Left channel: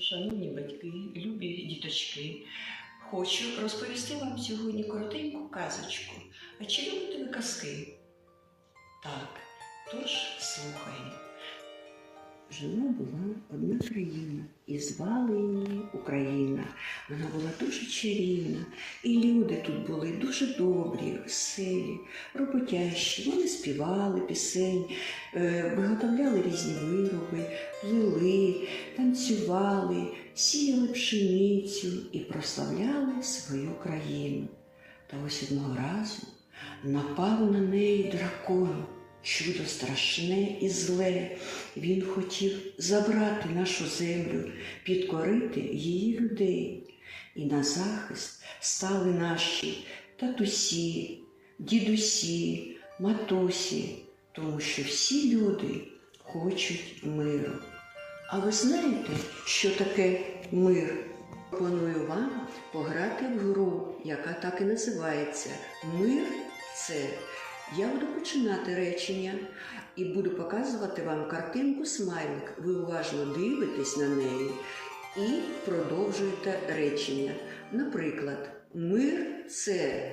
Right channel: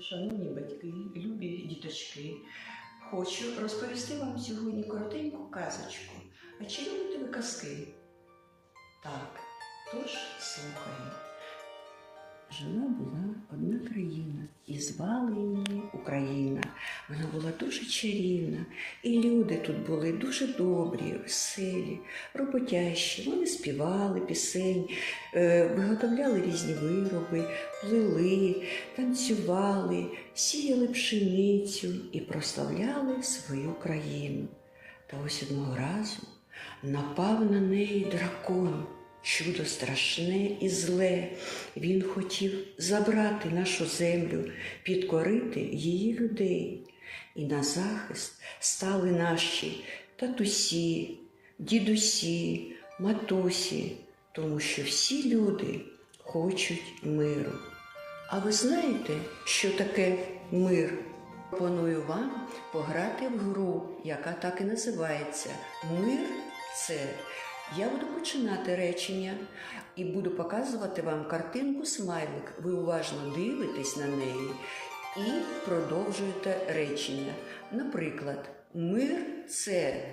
шановні батьки, любі діточки, хочу розповісти вам сьогодні коротеньку казочку. А чи любите ви казки? Так, тож слухаємо. Жила була одна країна, і звали її Україна. Вона була дуже чарівна, і люди тут були дуже добрі, веселі, роботящі. Вони співали пісень, е, виготовляли різні вироби, плели, танцювали, сіяли пшеницю і прославляли свою країну. Та ось одного разу напав на неї дракон. Чудо страшне і зле. Він хотів забрати нашу землю, підкорити її людей. І на захист стали наші татусі, дідусі, матусі, тому що всі люди хочуть миру. А ви знаєте, що таке мир? Пропоную вам пограти в гру, яка так і називається Мир це. Я буду починати речення і буду показувати вам картинку смайлик. Ви уважно дивитесь на неї і продовжуєте речення. Наприклад, мир це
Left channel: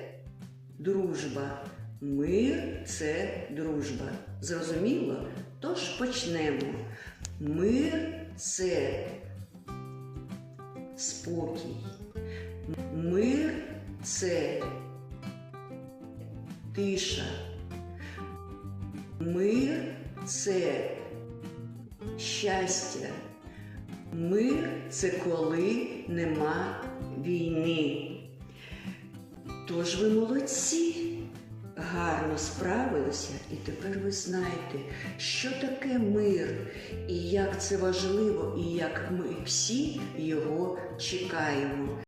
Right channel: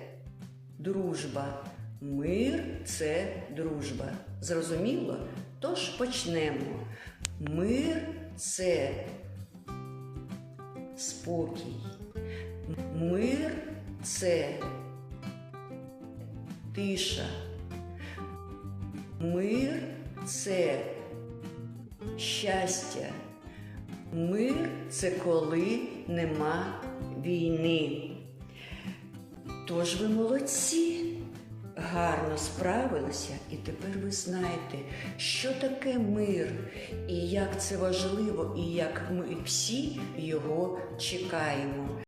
дружба. Мир це дружба. Зрозуміло? Тож почнемо. Мир це спокій. Мир це тиша. Мир це щастя. Мир це коли нема війни. Тож ви молодці, гарно справилися, і тепер ви знаєте, що таке мир, і як це важливо, і як ми всі його чекаємо.